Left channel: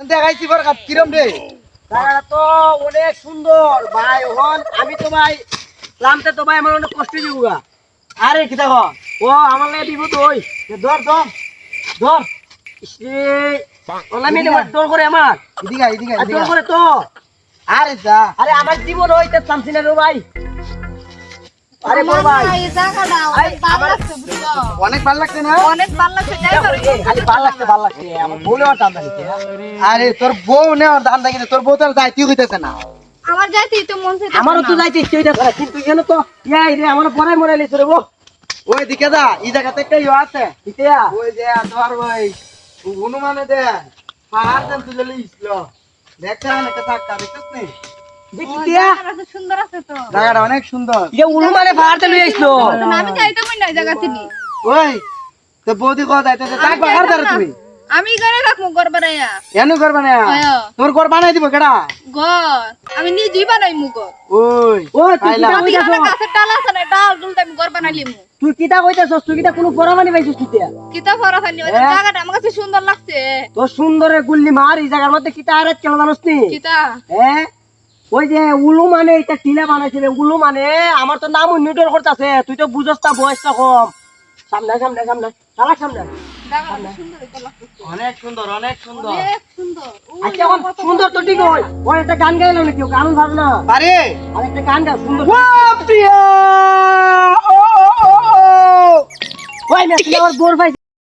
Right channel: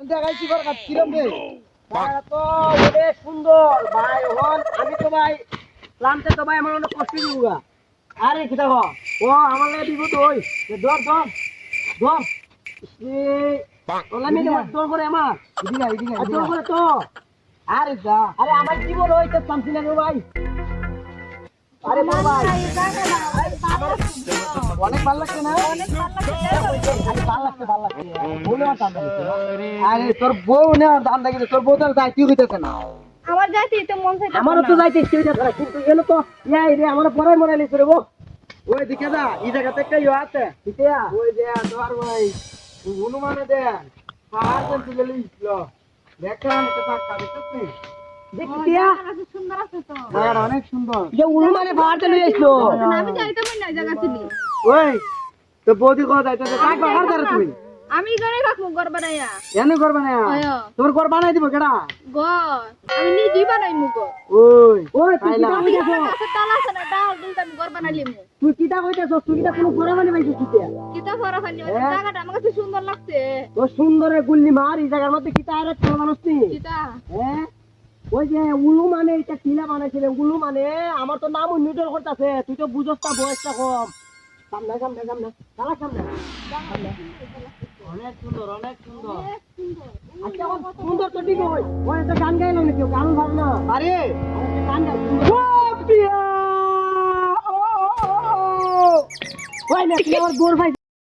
দেখাইছি বার কাপ কিরম রে জায়গাটা তো অনেক সুন্দর ভাই। হন আমি তো ভাই নামতে তো ভাই আমার অনেক কষ্ট দিবগা। আরে কি দেখো ও আমার লাগে বিপদ হই ধর ধর ধর ইসরে ওলা মিলে দৌড় করে আমার এদিকে এদিকে আর দৌড় করে তো আরে যা আরে আমার জীবন হইতে থামছি না রে ভাই। আরে বড় ভাই অনেক ভালো লাগছে না খালি ভাল লাগছে ভাল লাগছে আমার ভুলে আমার টান দিতে। আরে তোর বউ নেওয়ার দাম দেখি তোর বউ তো যাইতে হইতেছে না আমার যাইতেই তো মন চাইতেছে আমারও তো যাইতে ইচ্ছে হইতাছে না, কিন্তু গেল তো ইয়াই রে আমার পড়াই মরাই লিছে রে বউ। ওই দিকে যা এই জায়গাতে একটা ইয়ে আছে ইতিয়া ওই যে ধর ভাই হনুমানে দে পাহাড় দেন তুলে লিছিল দেখতে অনেকটা থাকতা দেখছিস নি দেখিতিয়া জায়গাটা সুন্দর আছে তো জায়গাটা অনেক সুন্দর ইয়া উলু মানে পাহাড়তে লই আইছো। আমি যাইতে মন নাই জায়গা চিনি ওই তো বৌদি কথা যাইতেছে কাক বাগার দাঁড়া তুমি আমি ঘরে রাখবো ঘর বানাইয়া এনু করবে না হ্যাঁ। তোর ঘর বানাই দিব কেডা ঘর আমি নিজেই বানাই মুগো ওই ওই তুই পাইলাম। কিতা কইতাছ? গাছের ডাল আছে না ডাল দুলতে আমি ঘর বানাইলিম তুই কিতা কইতাছস? তুই কিতা কোনো পরামানি পাইছিস কিতা? কিতা ফরা খালি হ্যাঁ। জায়গাটা আমার কাছে সুন্দর লাগছে তোর সুন্দরে গুল্লি মার এই জায়গার মধ্যে কিতা আরে কেন জানোস নি? কিতা হ্যাঁ ওই যে উলু মানে এটা টিলা বানাইছিল উলু মানে আমার তো নাম নিউটন করতেছে তুই তো বুঝস না বয়সটা কম। সামনে সামনে সামনে সালা সামনে জায়গাটা সুন্দর এটা লাগছে অনেক সুন্দর অনেক সুন্দর অনেক সুন্দর আচ্ছা এখন সুন্দর তো ঠিক হয় ওই একটা গান গাইলো নাকি ও গান ভালো না আরে আর একটা গান গা সুন্দর ও প্রিয়া ও ও ও ও ওই না তুই আমার বোর ভাই